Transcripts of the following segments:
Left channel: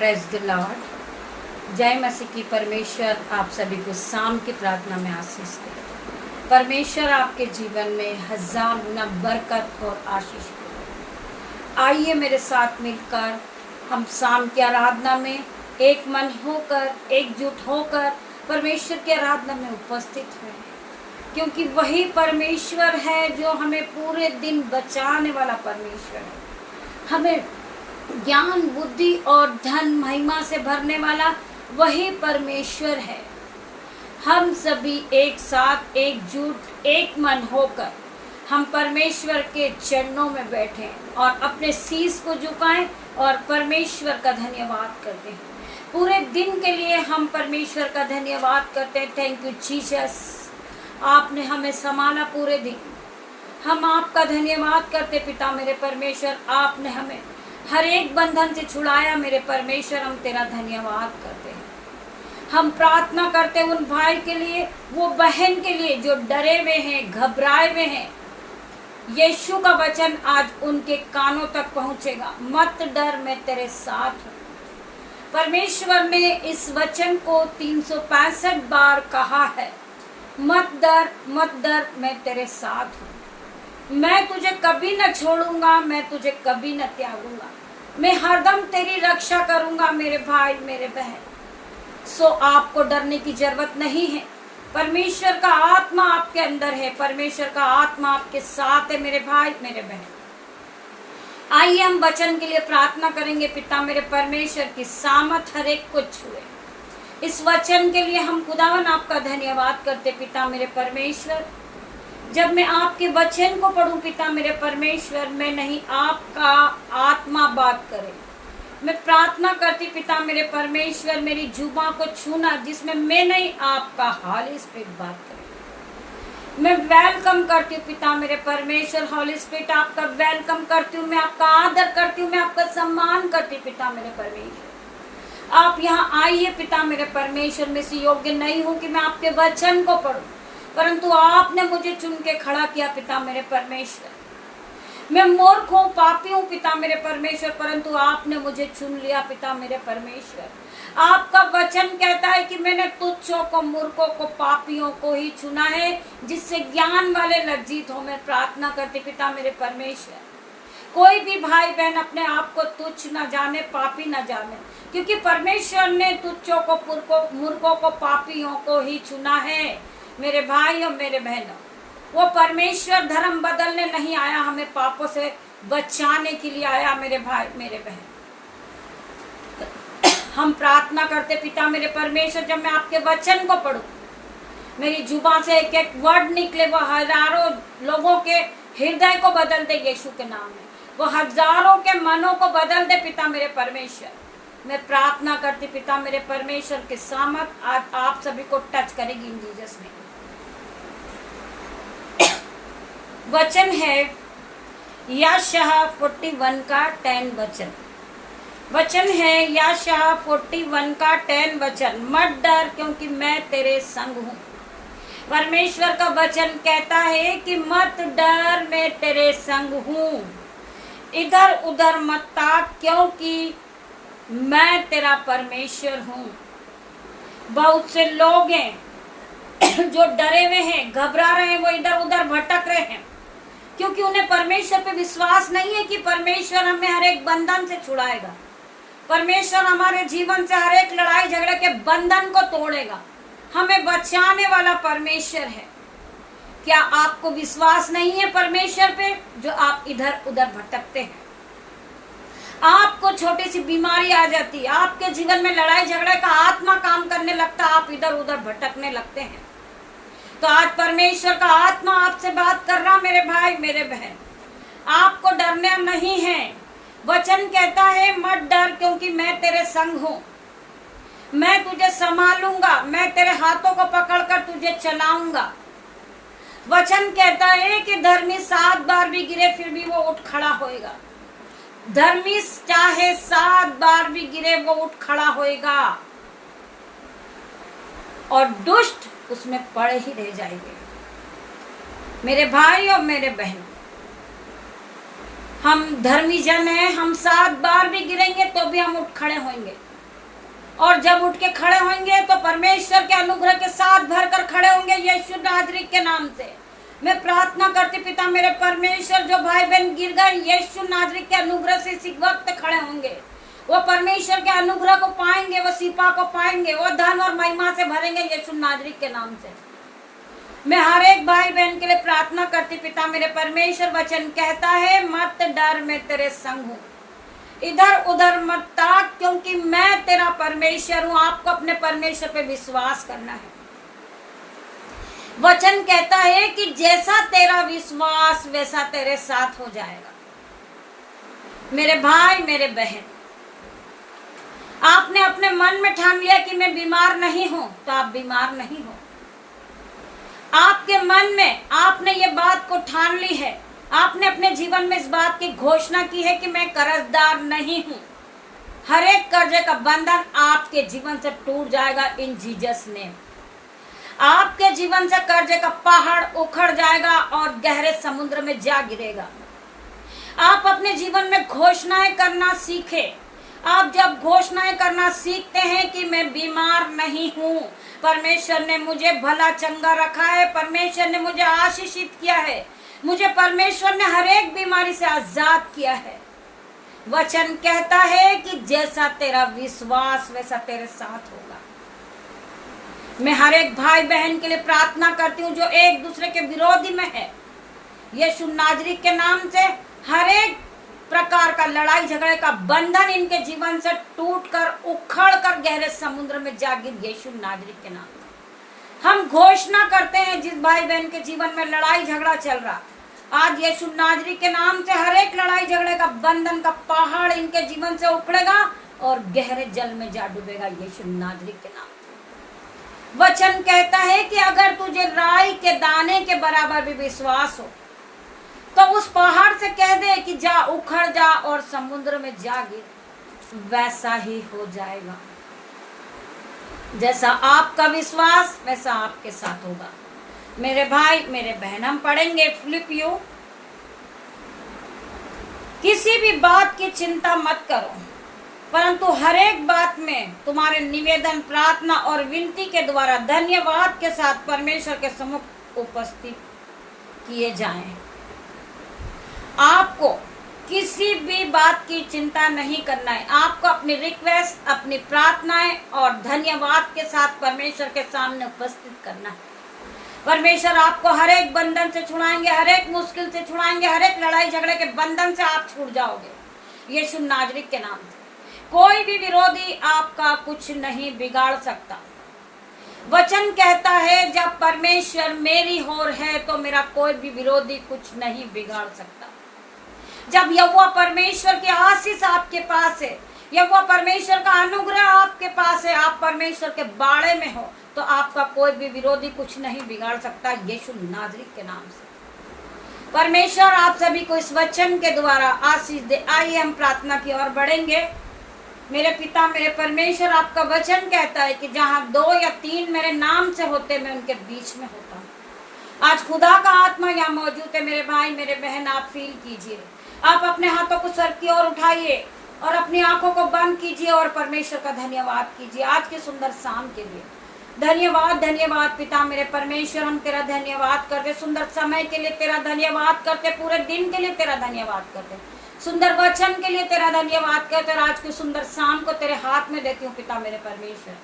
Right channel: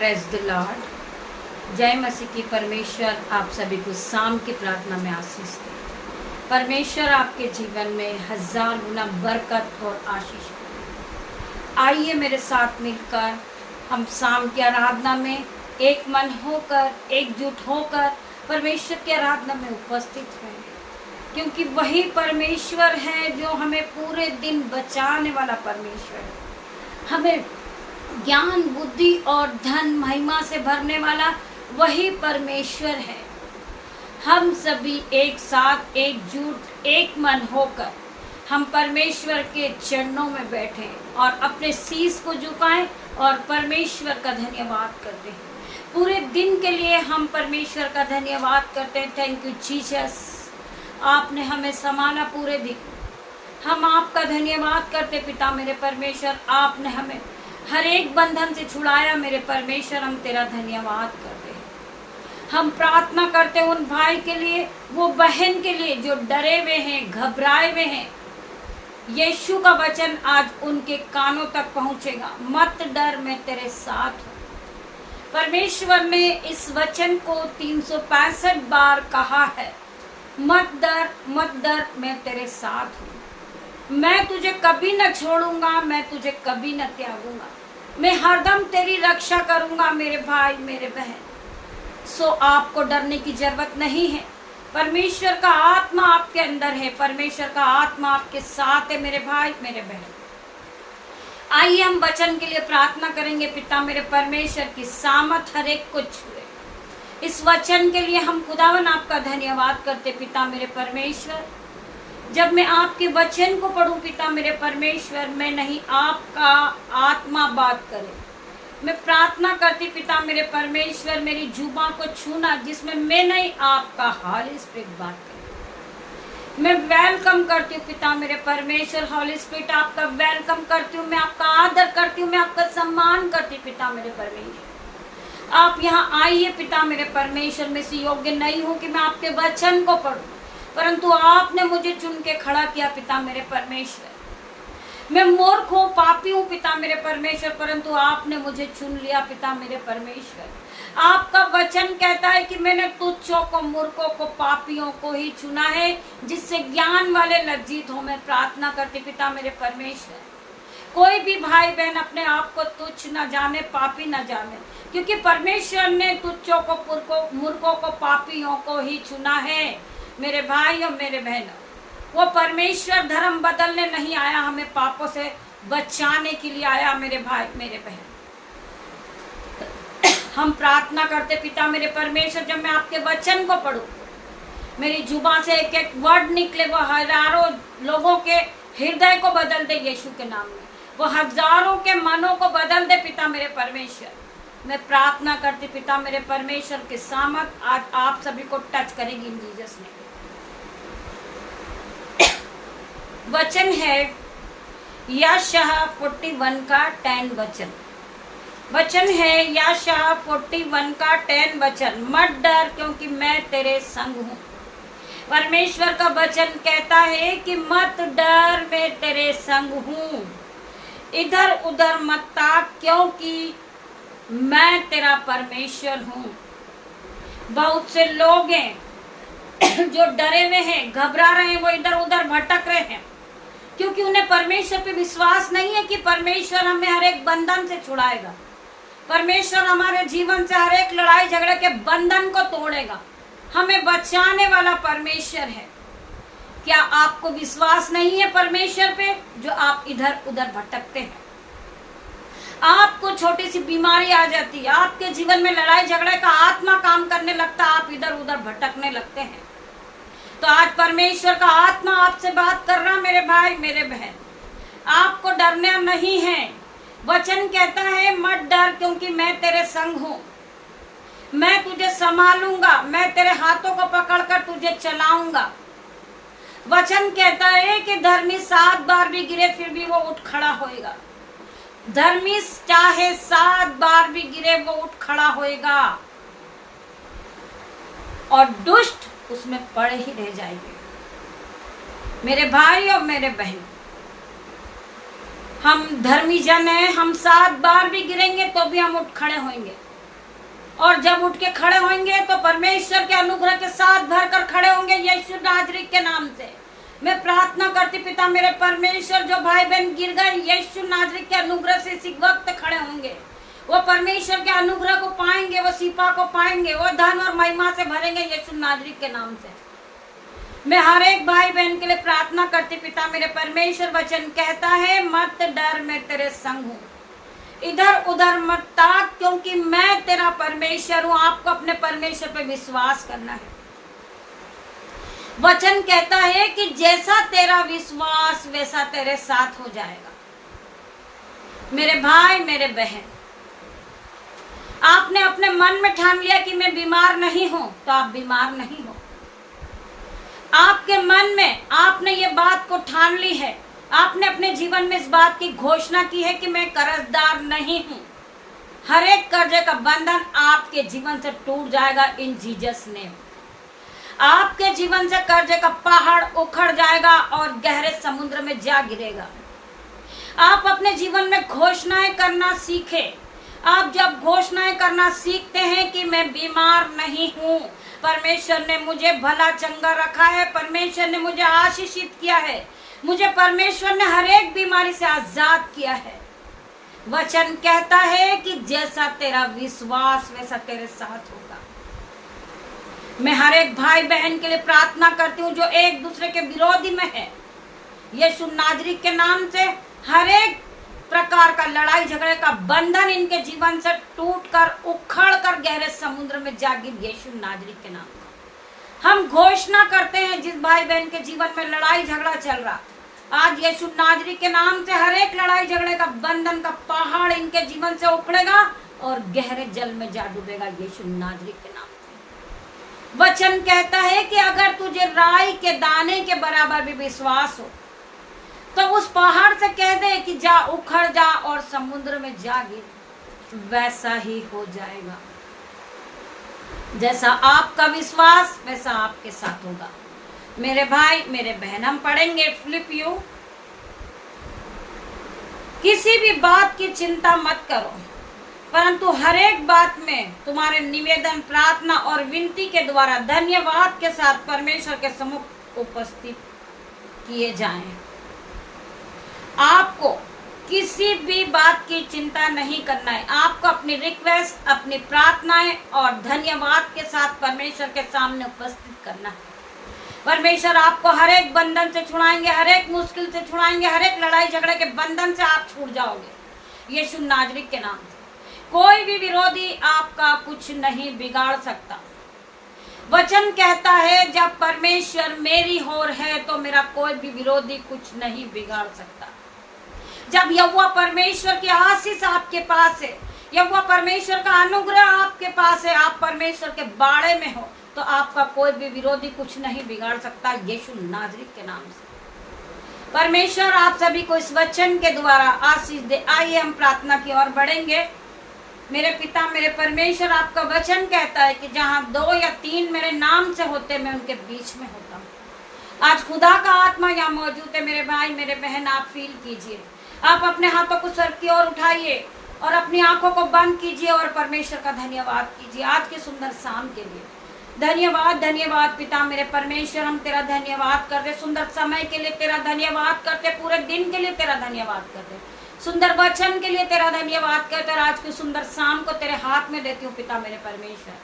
Praise the Lord. जय मसीह की। परमेश्वर आप सभी को शाम की प्रार्थना में आशीष दे। परमेश्वर आपके जीवन में हजार गुना बरकत और आशीष दे। आइए मेरे साथ मिलकर हम शाम की आराधना में एक मन होकर, एकजुट होकर परमेश्वर की आराधना में उपस्थित हैं, क्योंकि वही परमेश्वर है जो हमें पूरे दिन बचाने वाला परमेश्वर है। हमें ज्ञान, बुद्धि और धन महिमा से भरने वाला वही परमेश्वर है। हम सभी एक साथ, एकजुट, एक मन होकर हम परमेश्वर के चरणों में बैठे और अपने शीश को झुकाएं और परमेश्वर का धन्यवाद करते हैं। पूरे दिन के लिए हम परमेश्वर का धन्यवाद करते हैं। थैंक यू जीसस, आपने हमें संभाला पूरे दिन। हम आपका धन्यवाद करते पिता मेरे परमेश्वर, आपने हमें हर एक बंधन से छुड़ाया मेरे परमेश्वर। हम तेरा धन्यवाद करते हैं। हम प्रार्थना करते उन भाई के लिए, वो बहन के लिए जो डरे हुए हैं, घबराए हुए हैं। यीशु का वचन आज उनके कानों तक पहुंचेगा। मत डर, मैं तेरे साथ हूँ। परमेश्वर ने इस वचन को 365 बार कहा है, मत डर, मत डर, मैं तेरे साथ हूँ। मैं तुझे कभी न छोड़ूंगा, मैं तुझे कभी न त्यागूंगा। मैं हरदम तेरी रक्षा करूंगा मेरे भाई, मेरे बहन। सो आपको डरने की जरूरत नहीं है। परमेश्वर का आत्मा आपके अंदर है। परमेश्वर का आत्मा आपके साथ है मेरे भाई, मेरे बहन। आइए हम वचन के लिए प्रार्थना करेंगे। पिता मेरे परमेश्वर की सामर्थ हर एक को छुए। इस वचन के लिए हम खुदावन आपका धन्यवाद करते पिता मेरे परमेश्वर। जब मैं आपके वचन को पढ़ूं पिता मेरे परमेश्वर, मैं नहीं, आपका आत्मा बात करे। मैं प्रार्थना करती पिता मेरे परमेश्वर, मेरी जुबान को छूना जिसमें मैं नहीं, आपका हॉली स्पिरिट बात करे। मैं वेलकम करती हूँ पिता मेरे परमेश्वर। हॉली स्पिरिट आपका वेलकम करती हूँ, मैं आपका आदर करती हूँ, मैं आपका सम्मान करती हूँ पिता मेरे परमेश्वर। आप यहाँ आइए पिता मेरे परमेश्वर। मैं से योग्य नहीं हूँ कि मैं आपके वचन को पढ़ूं, परंतु आपने मुझे चुन के खड़ा किया पिता मेरे परमेश्वर। मैं मूर्ख हूँ, पापी हूँ पिता मेरे परमेश्वर, परंतु आपने मुझे चुन लिया पिता मेरे परमेश्वर। आपका वचन कहता है कि मैंने तुच्छों को, मूर्खों को, पापियों को ही चुना है, जिससे ज्ञान वाले लज्जित हो। मैं प्रार्थना करती पिता मेरे परमेश्वर, कोई भी भाई बहन अपने आप को तुच्छ न जाने, पापी न जाने, क्योंकि परमेश्वर ने तुच्छों को, मूर्खों को, पापियों को ही चुना है मेरे भाई और मेरे बहनों। वो परमेश्वर धर्म बदलने नहीं आया, हमें पापों से बचाने के लिए आया मेरे भाई, मेरे बहन। हम प्रार्थना करते पिता मेरे परमेश्वर, जब मैं आपके वचन को पढ़ूं, मेरी जुबान से एक एक वर्ड निकले, वो हजारों लोगों के हृदय को बदल दे यीशु के नाम में। वो हजारों के मनों को बदल दे पिता मेरे परमेश्वर। मैं प्रार्थना करती पिता मेरे परमेश्वर के सामर्थ आज आप सभी को टच करेगी इन जीसस ने। वचन है यशायाह 41 का 10 वचन। वचन है यशायाह 41 का 10 वचन। मत डर क्योंकि मैं तेरे संग हूँ। परमेश्वर का वचन कहता है कि मत डर, मैं तेरे संग हूँ। इधर उधर मत ताक क्योंकि मैं तेरा परमेश्वर हूँ। बहुत से लोग हैं जो डरे हुए हैं, घबरा रहे हैं, वो इधर उधर भटक रहे हैं, क्योंकि उन्हें परमेश्वर पे विश्वास नहीं है कि परमेश्वर हमें हर एक बंधन से छुड़ाएगा। परमेश्वर हमारे जीवन से हर एक लड़ाई झगड़े के बंधन को तोड़ेगा। हमें बचाने वाला परमेश्वर है। क्या आपको विश्वास नहीं है परमेश्वर पे, जो आप इधर उधर भटकते हैं? आपको छोटी सी बीमारी आ जाती है, आपके जीवन में लड़ाई झगड़े का आत्मा काम करने लगता है, आप इधर उधर भटकने लगते हैं। तो आज परमेश्वर का आत्मा आपसे बात कर रहा मेरे भाई, मेरे बहन। आपको डरना नहीं है। वचन कहता है मत डर क्योंकि मैं तेरे संग हूँ। मैं तुझे संभालूंगा, मैं तेरे हाथों को पकड़कर तुझे चलाऊंगा। वचन कहता है कि धर्मी 7 बार भी गिरे फिर भी वो उठ खड़ा होएगा। धर्मी चाहे 7 बार भी गिरे वो उठ खड़ा होएगा, और दुष्ट उसमें पड़े ही रह जाएंगे। मेरे भाई और मेरे बहन, हम धर्मी जन हैं, हम 7 बार भी गिरेंगे तो भी हम उठ खड़े होंगे। और जब उठ के खड़े होंगे तो परमेश्वर के अनुग्रह के साथ भरकर खड़े होंगे यीशु नासरी के नाम से। मैं प्रार्थना करती पिता मेरे परमेश्वर, जो भाई बहन गिर गए यीशु नासरी के अनुग्रह से इसी वक्त खड़े होंगे, वो परमेश्वर के अनुग्रह को पाएंगे, वो सिपा को पाएंगे, वो धन और महिमा से भरेंगे यीशु नासरी के नाम से। मैं हर एक भाई बहन के लिए प्रार्थना करती पिता मेरे परमेश्वर। वचन कहता है मत डर, मैं तेरे संग हूँ, इधर उधर मत ताक, क्योंकि मैं तेरा परमेश्वर हूँ। आपको अपने परमेश्वर पे विश्वास करना है। वचन कहता है कि जैसा तेरा विश्वास वैसा तेरे साथ हो जाएगा। मेरे भाई मेरे बहन, आपने अपने मन में ठान लिया कि मैं बीमार नहीं हूं, तो आप बीमार नहीं हो। आपके मन में आपने ये बात को ठान ली है, आपने अपने जीवन में इस बात की घोषणा की है कि मैं कर्जदार नहीं हूं। हर एक कर्जे का बंधन आपके जीवन से टूट जाएगा इन जीसस नेम। आपके जीवन से कर्जे का पहाड़ उखड़ जाएगा और गहरे समुद्र में जा गिरेगा। आप अपने जीवन में घोषणाएं करना सीखें। आप जब घोषणाएं करना सीखते हैं कि मैं बीमार नहीं हूँ, परमेश्वर ने मुझे भला चंगा रखा है, परमेश्वर ने मुझे आशीषित किया है, मुझे परमेश्वर ने हर एक बीमारी से आजाद किया है। वचन कहता है कि जैसा तेरा विश्वास वैसा तेरे साथ होगा। मैं हर एक भाई बहन के लिए प्रार्थना करती हूँ जो एक दूसरे के विरोधी में है, यीशु नासरी के नाम से हर एक प्रकार का लड़ाई झगड़े का बंधन इनके जीवन से टूटकर उखड़कर गहरे समुद्र में जा गिर यीशु नासरी के नाम में। हम घोषणा करते हैं जिस भाई बहन के जीवन में लड़ाई झगड़ा चल रहा, आज यीशु नासरी के नाम से हर एक लड़ाई झगड़े का बंधन का पहाड़ इनके जीवन से उखड़ेगा और गहरे जल में जा डूबेगा यीशु नासरी के नाम से। वचन कहता है कि अगर तुझे राई के दाने के बराबर भी विश्वास हो तो उस पहाड़ से कह दे कि जा उखड़ जा और समुद्र में जा गिर, वैसा ही हो जाएगा। जैसा आपका विश्वास वैसा आपके साथ होगा। मेरे भाई मेरे बहन, हम पढ़ेंगे फिलिपियों, किसी भी बात की चिंता मत करो, परंतु हर एक बात में तुम्हारे निवेदन प्रार्थना और विनती के द्वारा धन्यवाद के साथ परमेश्वर के सम्मुख उपस्थित किए जाएं। आपको किसी भी बात की चिंता नहीं करना है। आपको अपनी रिक्वेस्ट, अपनी प्रार्थनाएं और धन्यवाद के साथ परमेश्वर के सामने उपस्थित करना है। परमेश्वर आपको हर एक बंधन से छुड़ाएंगे, हर एक मुश्किल से छुड़ाएंगे, हर एक लड़ाई झगड़े के बंधन से आप छूट जाओगे यीशु नासरी के नाम से। कोई भी विरोधी आपका कुछ नहीं बिगाड़ सकता। वचन कहता है जब परमेश्वर मेरी ओर है तो मेरा कोई भी विरोधी कुछ नहीं बिगाड़ सकता। जब यहोवा परमेश्वर की आशीष आपके पास है, यहोवा परमेश्वर का अनुग्रह आपके पास है, आप परमेश्वर के बाड़े में हो, तो आपका कोई भी विरोधी कुछ नहीं बिगाड़ सकता यीशु नासरी के नाम से। परमेश्वर आप सभी को इस वचन के द्वारा आशीष दे। आइए हम प्रार्थना की ओर बढ़ेंगे। मेरे पिता मेरे परमेश्वर, आपका वचन कहता है कि जहाँ 2 या 3 मेरे नाम से होते मैं उनके बीच में होता हूँ। आज खुदा का आत्मा यहाँ मौजूद है। मेरे भाई मेरे बहन, आप फील कीजिए। आप अपने हाथों को सर की ओर उठाइए और अपनी आंखों को बंद कीजिए और परमेश्वर का धन्यवाद कीजिए आज के सुंदर शाम के लिए। धन्यवाद धन्यवाद पिता मेरे परमेश्वर, हम तेरा धन्यवाद करते, सुंदर समय के लिए तेरा धन्यवाद करते, पूरे दिन के लिए तेरा धन्यवाद करते, सुंदर वचन के लिए तेरा धन्यवाद करते। और आज की सुंदर शाम को तेरे हाथ में देती हूँ पिता मेरे परमेश्वर।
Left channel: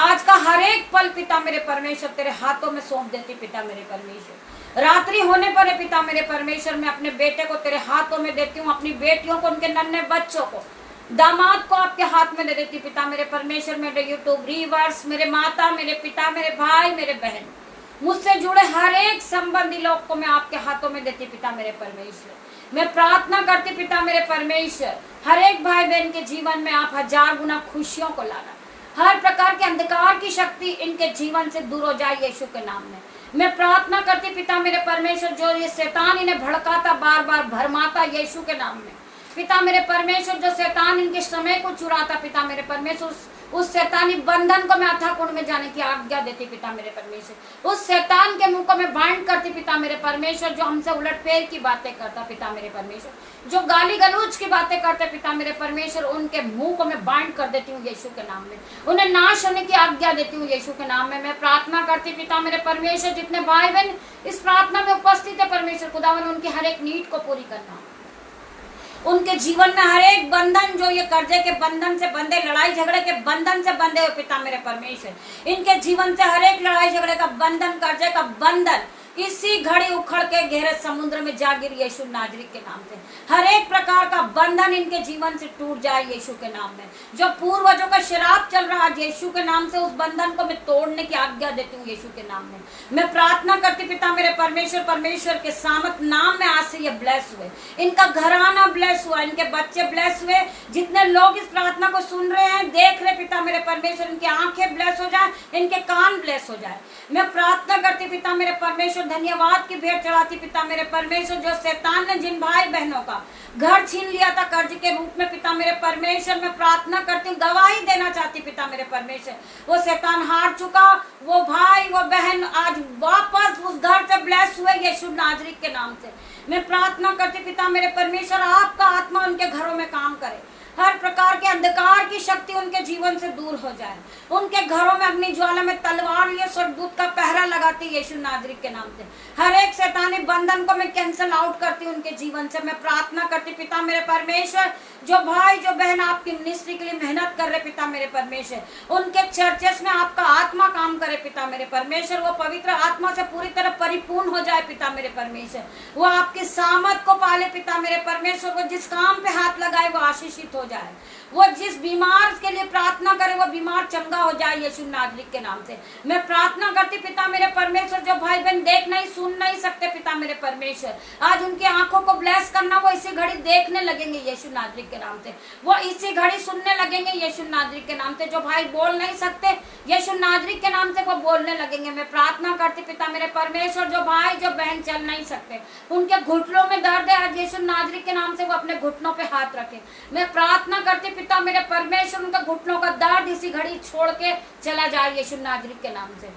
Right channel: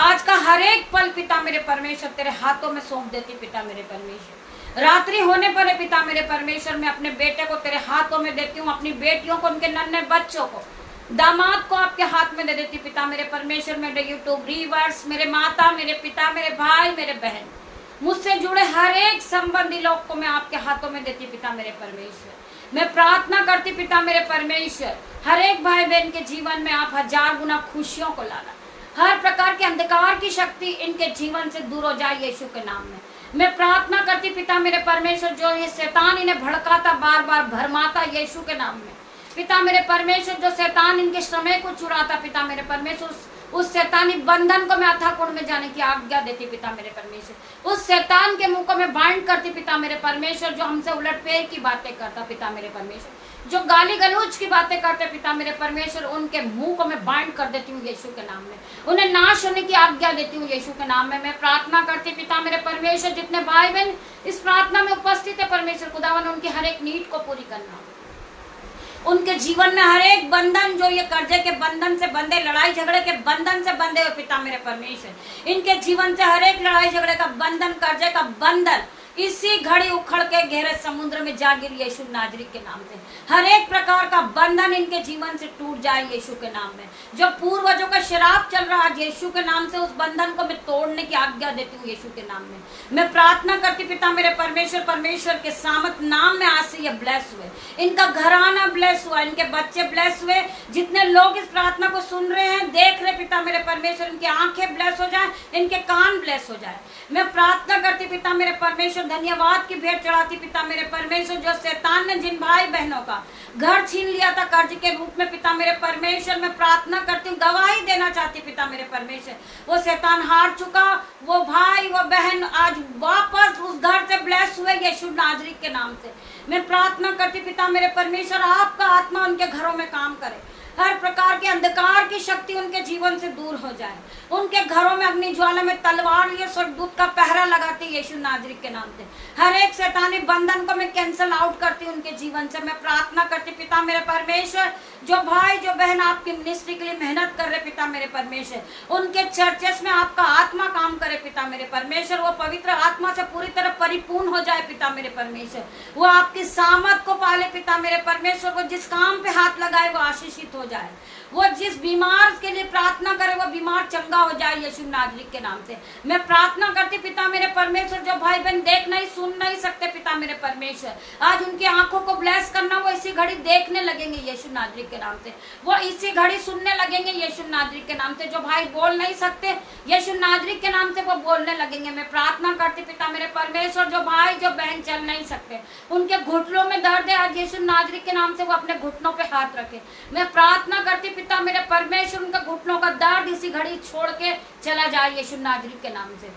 आज का हर एक पल पिता मेरे परमेश्वर तेरे हाथों में सौंप देती पिता मेरे परमेश्वर। रात्रि होने पर पिता मेरे परमेश्वर, मैं अपने बेटे को तेरे हाथों में देती हूँ, अपनी बेटियों को, उनके नन्हे बच्चों को, दामाद को आपके हाथ में दे देती पिता मेरे परमेश्वर। मेरे यूट्यूब व्यूअर्स, मेरे माता, मेरे पिता, मेरे भाई, मेरे बहन, मुझसे जुड़े हर एक संबंधी लोग को मैं आपके हाथों में देती पिता मेरे परमेश्वर। मैं प्रार्थना करती पिता मेरे परमेश्वर, हर एक भाई बहन के जीवन में आप 1000 गुना खुशियों को लाना, हर प्रकार के अंधकार की शक्ति इनके जीवन से दूर हो जाए यीशु के नाम में। मैं प्रार्थना करती पिता मेरे परमेश्वर, जो ये शैतान इन्हें भड़काता, बार बार भरमाता यीशु के नाम में, पिता मेरे परमेश्वर, जो शैतान इनके समय को चुराता पिता मेरे परमेश्वर, उस शैतानी बंधन को मैं अथाह कुंड में जाने की आज्ञा देती पिता मेरे परमेश्वर। उस शैतान के मुंह को मैं बाइंड करती पिता मेरे परमेश्वर, जो हमसे उलटफेर की बातें करता पिता मेरे परमेश्वर, जो गाली गलौज की बातें करते पिता मेरे परमेश्वर, उनके मुंह को मैं बाइंड कर देती हूँ यीशु के नाम में। उन्हें नाश होने की आज्ञा देती हूँ यीशु के नाम में। मैं प्रार्थना करती पिता मेरे परमेश्वर, जितने भाई बहन इस प्रार्थना में उपस्थित है परमेश्वर खुदावन, उनकी हर एक नीड को पूरी करना, उनके जीवन में हर एक बंधन, जो ये कर्जे के बंधन से बंधे, लड़ाई झगड़े के बंधन से बंधे हुए पिता मेरे परमेश्वर, इनके जीवन से हर एक लड़ाई झगड़े का बंधन, कर्जे का बंधन इसी घड़ी उखड़ के गहरे समुद्र में जा गिर यीशु नाजरी के नाम से। हर एक प्रकार का बंधन इनके जीवन से टूट जाए यीशु के नाम में। जो पूर्वजों का शराब चल रहा है यीशु के नाम से, उस बंधन को मैं तोड़ने की आज्ञा देती हूँ यीशु के नाम में। मैं प्रार्थना करती पिता मेरे परमेश्वर, परमेश्वर के सामत नाम में आज से ये ब्लेस हुए, इनका घराना ब्लेस हुआ, इनके बच्चे ब्लेस हुए, जितने लोग इस प्रार्थना को सुन रहे हैं, देख रहे पिता मेरे परमेश्वर, इनकी आंखें ब्लेस हो जाए, इनके कान ब्लेस हो जाए। मैं प्रार्थना करती पिता मेरे परमेश्वर, धन्यवाद की भेंट चढ़ाती पिता मेरे परमेश्वर, जो शैतान ने जिन भाई बहनों का घर छीन लिया था कर्ज के रूप में पिता मेरे परमेश्वर, मैं प्रार्थना करती हूँ, गवाही देना चाहती पिता मेरे परमेश्वर, वो शैतान हार चुका, वो भाई वो बहन आज वापस उस घर से ब्लेस हुए यीशु नाजरी के नाम से। मैं प्रार्थना करती पिता मेरे परमेश्वर, आपका आत्मा उनके घरों में काम करे, हर प्रकार के अंधकार की शक्ति उनके जीवन से दूर हो जाए, उनके घरों में अग्नि ज्वाला में तलवार लिए स्वर्गदूत का पहरा लगाती यीशु नाजरी के नाम से। हर एक शैतानी बंधन को मैं कैंसल आउट करती उनके जीवन से। मैं प्रार्थना करती पिता मेरे परमेश्वर, जो भाई जो बहन आपकी मिनिस्ट्री के लिए मेहनत कर रहे पिता मेरे परमेश्वर, उनके चर्चेस में आपका आत्मा काम करे पिता मेरे परमेश्वर, वो पवित्र आत्मा से पूरी तरह परिपूर्ण हो जाए पिता मेरे परमेश्वर, वो आपकी सामत को पाले पिता मेरे परमेश्वर, वो जिस काम पे हाथ लगाए वो आशीषित हो जाए, वो जिस बीमार के लिए प्रार्थना करे वो बीमार चंगा हो जाए यीशु नाजरी के नाम से। मैं प्रार्थना करती पिता मेरे परमेश्वर, जो भाई बहन देख नहीं सुन नहीं सकते पिता मेरे परमेश्वर, आज उनकी आंखों को ब्लेस करना, वो इसी घड़ी देखने लगेंगे यीशु नाजरी के नाम से, वो इसी घड़ी सुनने लगेंगे यीशु नाजरी के नाम से। जो भाई बोल नहीं सकते यीशु नाजरी के नाम से वो बोलने लगेंगे। मैं प्रार्थना करती पिता मेरे परमेश्वर, जो भाई जो बहन चल नहीं सकते, उनके घुटनों में दर्द है, आज यीशु नाजरी के नाम से वो अपने घुटनों पे हाथ रखे। मैं प्रार्थना करती पिता मेरे परमेश्वर, उनका घुटनों का दर्द इसी घड़ी छोड़ के चला जाए यीशु नाजरी के नाम से।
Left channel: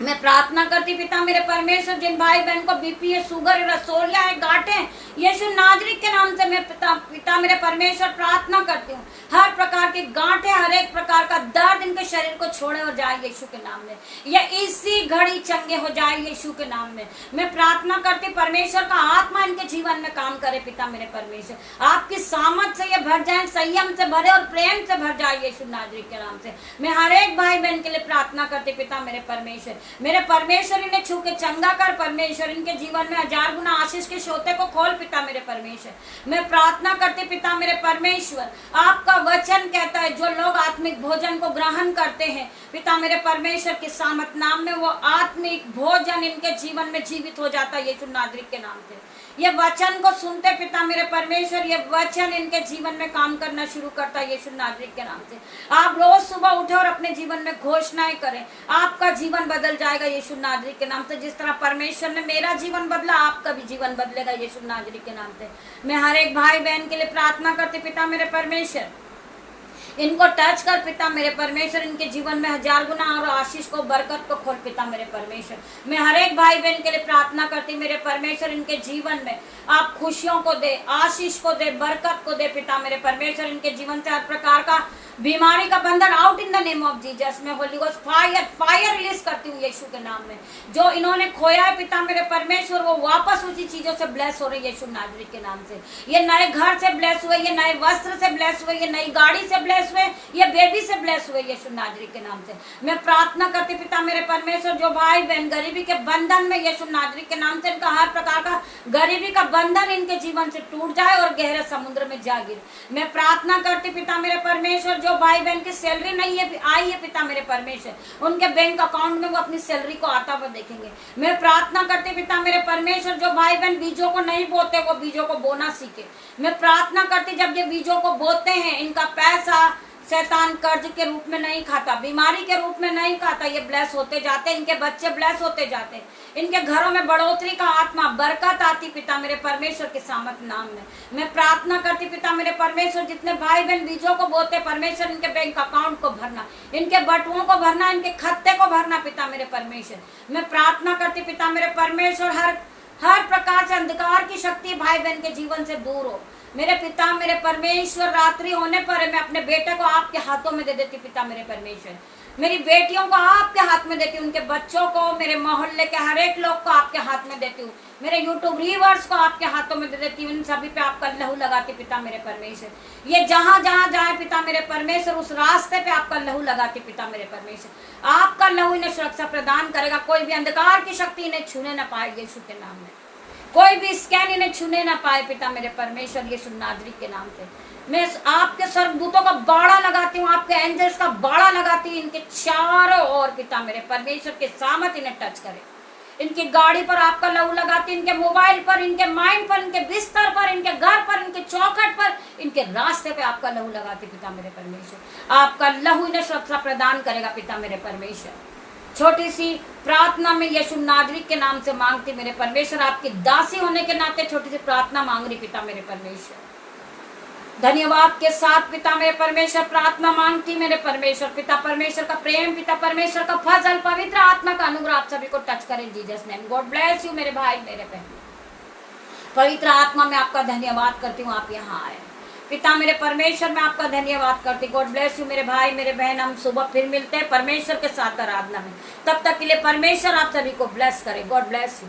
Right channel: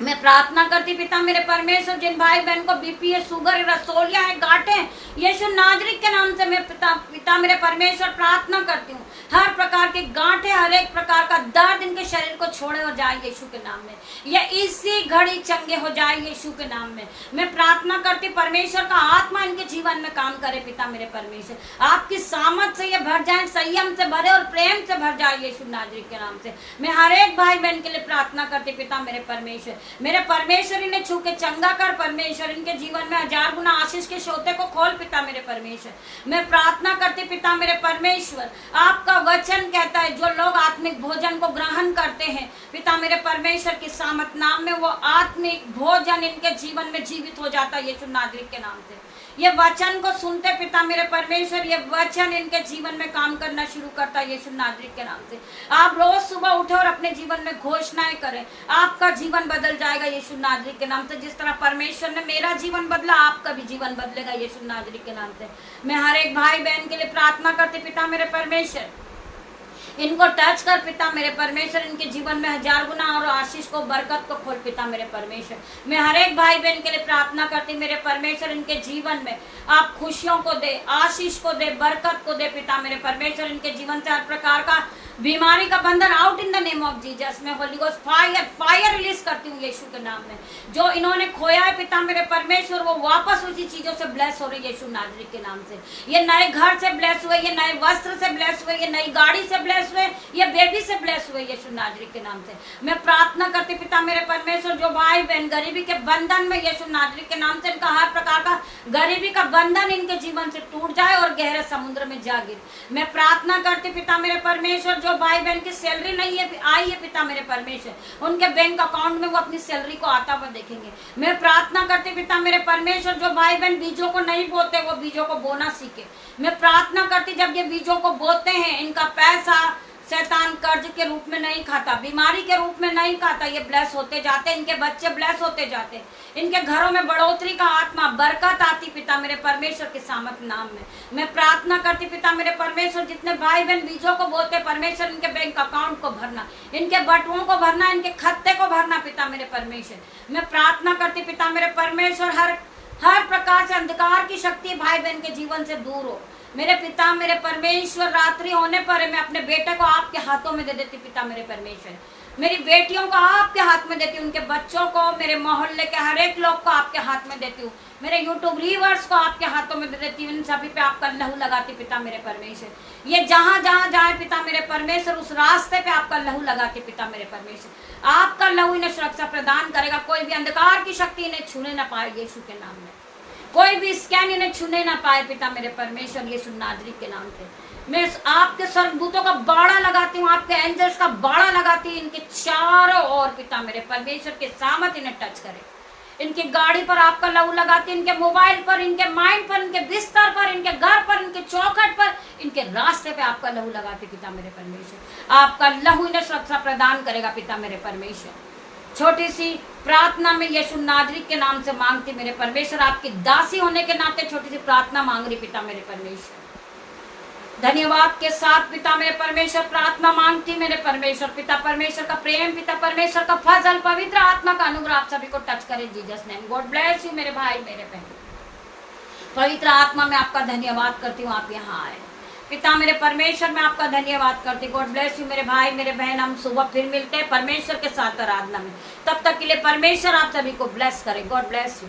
मैं प्रार्थना करती पिता मेरे परमेश्वर, जिन भाई बहन को बीपी है, शुगर है, रसोलिया है, गांठें, यीशु नाजरी के नाम से मैं पिता मेरे परमेश्वर प्रार्थना करती हूँ, हर प्रकार के गांठें, हर एक प्रकार का दर्द इनके शरीर को छोड़े हो जाए यीशु के नाम में, या इसी घड़ी चंगे हो जाए यीशु के नाम में। मैं प्रार्थना करती परमेश्वर का आत्मा इनके जीवन में काम करे पिता मेरे परमेश्वर, आपकी सामर्थ से ये भर जाए, संयम से भरे और प्रेम से भर जाए यीशु नाजरी के नाम से। मैं हर एक भाई बहन के लिए प्रार्थना करती पिता मेरे परमेश्वर, मेरे परमेश्वर इन्हें छू के चंगा कर परमेश्वर, इनके जीवन में 1000 गुना आशीष के सोते को खोल पिता मेरे परमेश्वर। मैं प्रार्थना करती पिता मेरे परमेश्वर, आपका वचन कहता है जो लोग आत्मिक भोजन को ग्रहण करते हैं पिता मेरे परमेश्वर के सामर्थ नाम में, वो आत्मिक भोजन इनके जीवन में जीवित हो जाता है यीशु नाजरी के नाम से। ये वचन को सुनते पिता मेरे परमेश्वर, ये वचन इनके जीवन में काम करना शुरू करता है यीशु नाजरी के नाम से। आप रोज सुबह उठे और अपने जीवन में घोषणाएं करें, आपका जीवन बदल जाएगा यीशु नाजरी के नाम से। जिस तरह परमेश्वर ने मेरा जीवन बदला, आपका भी जीवन बदलेगा यीशु नाजरी के नाम से। मैं हर एक भाई बहन के लिए प्रार्थना करती पिता मेरे परमेश्वर, इनको टच कर पिता मेरे परमेश्वर, इनके जीवन में 1000 गुना और आशीष को, बरकत को खोल पिता मेरे परमेश्वर। मैं हर एक भाई बहन के लिए प्रार्थना करती मेरे परमेश्वर, इनके जीवन में आप खुशियों को दे, आशीष को दे, बरकत को दे पिता मेरे परमेश्वर। इनके जीवन से हर प्रकार का बीमारी का बंधन out in the name of Jesus. मैं होली गोस्ट फायर रिलीज करती हूँ यीशु के नाम में। जो इन्होंने खोया है पिता मेरे परमेश्वर, वो वापस उसी चीजों से ब्लेस हो रही है यीशु नाजरी के नाम से। ये नए घर से ब्लेस हुए, ये नए वस्त्र से ब्लेस हुए, ये नई गाड़ी से ब्लेस हुए, ये बेबी से ब्लेस हुए यीशु नाजरी के नाम से। मैं प्रार्थना करती पिता मेरे परमेश्वर, जो भाई बहन गरीबी के बंधन में यीशु नाजरी के नाम से, इनका हर प्रकार का गरीबी का बंधन इनके जीवन से टूट जाए और गहरे समुद्र में जा गिरे। मैं प्रार्थना करती पिता मेरे परमेश्वर, जो भाई बहन की सैलरी नहीं है आई है पिता मेरे परमेश्वर, उनके बैंक अकाउंट में वो अपनी सैलरी को आता हुआ देखेंगे। मैं प्रार्थना करती पिता मेरे परमेश्वर, जो भाई बहन बीजों को नहीं बोते वो बीजों को बोना सीखे। मैं प्रार्थना करती जब ये बीजों को बोते हैं, इनका पैसा शैतान कर्ज के रूप में नहीं खाता, बीमारी के रूप में नहीं खाता। ये ब्लेस होते जाते, इनके बच्चे ब्लेस होते जाते, इनके घरों में बढ़ोतरी का आत्मा, बरकत आती पिता मेरे परमेश्वर के सामर्थ्य नाम में। मैं प्रार्थना करती पिता मेरे परमेश्वर, जितने भाई बहन बीजों को बोते परमेश्वर, इनके बैंक अकाउंट को भरना, इनके बटुओं को भरना, इनके खत्ते को भरना पिता मेरे परमेश्वर। मैं प्रार्थना करती पिता मेरे परमेश्वर, हर प्रकार से अंधकार की शक्ति भाई बहन के जीवन से दूर हो। मेरे पिता मेरे परमेश्वर, रात्रि होने पर मैं अपने बेटे को आपके हाथों में दे देती पिता मेरे परमेश्वर, मेरी बेटियों को आपके हाथ में देती हूँ, उनके बच्चों को, मेरे मोहल्ले के हर एक लोग को आपके हाथ में देती हूँ, मेरे यूट्यूब व्यूअर्स को आपके हाथों में दे देती हूँ। इन सभी पे आपका लहू लगाती पिता मेरे परमेश्वर। ये जहां जहां जाए पिता मेरे परमेश्वर, उस रास्ते पे आपका लहू लगाती पिता मेरे परमेश्वर। आपका लहू इन्हें सुरक्षा प्रदान करेगा। कोई भी अंधकार की शक्ति इन्हें छूने न पाए यीशु के नाम में। कोई भी स्कैन इन्हें छूने ना पाए पिता मेरे परमेश्वर, यीशु नाज़री के नाम से। मैं आपके स्वर्गदूतों का बाड़ा लगाती हूँ, आपके एंजल्स का बाड़ा लगाती हूँ, इनके चारों ओर पिता मेरे परमेश्वर के सामत इन्हें टच करे। इनकी गाड़ी पर आपका लहू लगाती, इनके मोबाइल पर, इनके माइंड पर, इनके बिस्तर पर, इनके घर पर, इनके चौखट पर, इनके रास्ते पे आपका लहू लगाती पिता मेरे परमेश्वर। आपका लहू इन्हें सुरक्षा प्रदान करेगा पिता मेरे परमेश्वर। छोटी सी प्रार्थना में यीशु नाज़री के नाम से मांगती मेरे परमेश्वर, आपकी दासी होने के नाते छोटी सी प्रार्थना मांग रही पिता मेरे परमेश्वर। धन्यवाद के साथ पिता मेरे परमेश्वर प्रार्थना मांगती मेरे परमेश्वर। पिता परमेश्वर का प्रेम, पिता परमेश्वर का फजल, पवित्र आत्मा का अनुग्रह आप सभी को टच करे Jesus name. God bless you मेरे भाई मेरे बहन। पवित्र आत्मा में आपका धन्यवाद करती हूँ, आप यहाँ आए पिता मेरे परमेश्वर। मैं आपका धन्यवाद करती हूँ। गॉड ब्लेस यू मेरे भाई मेरे बहन। हम सुबह फिर मिलते हैं परमेश्वर के साथ आराधना में। तब तक के लिए परमेश्वर आप सभी को ब्लेस करे। God bless you.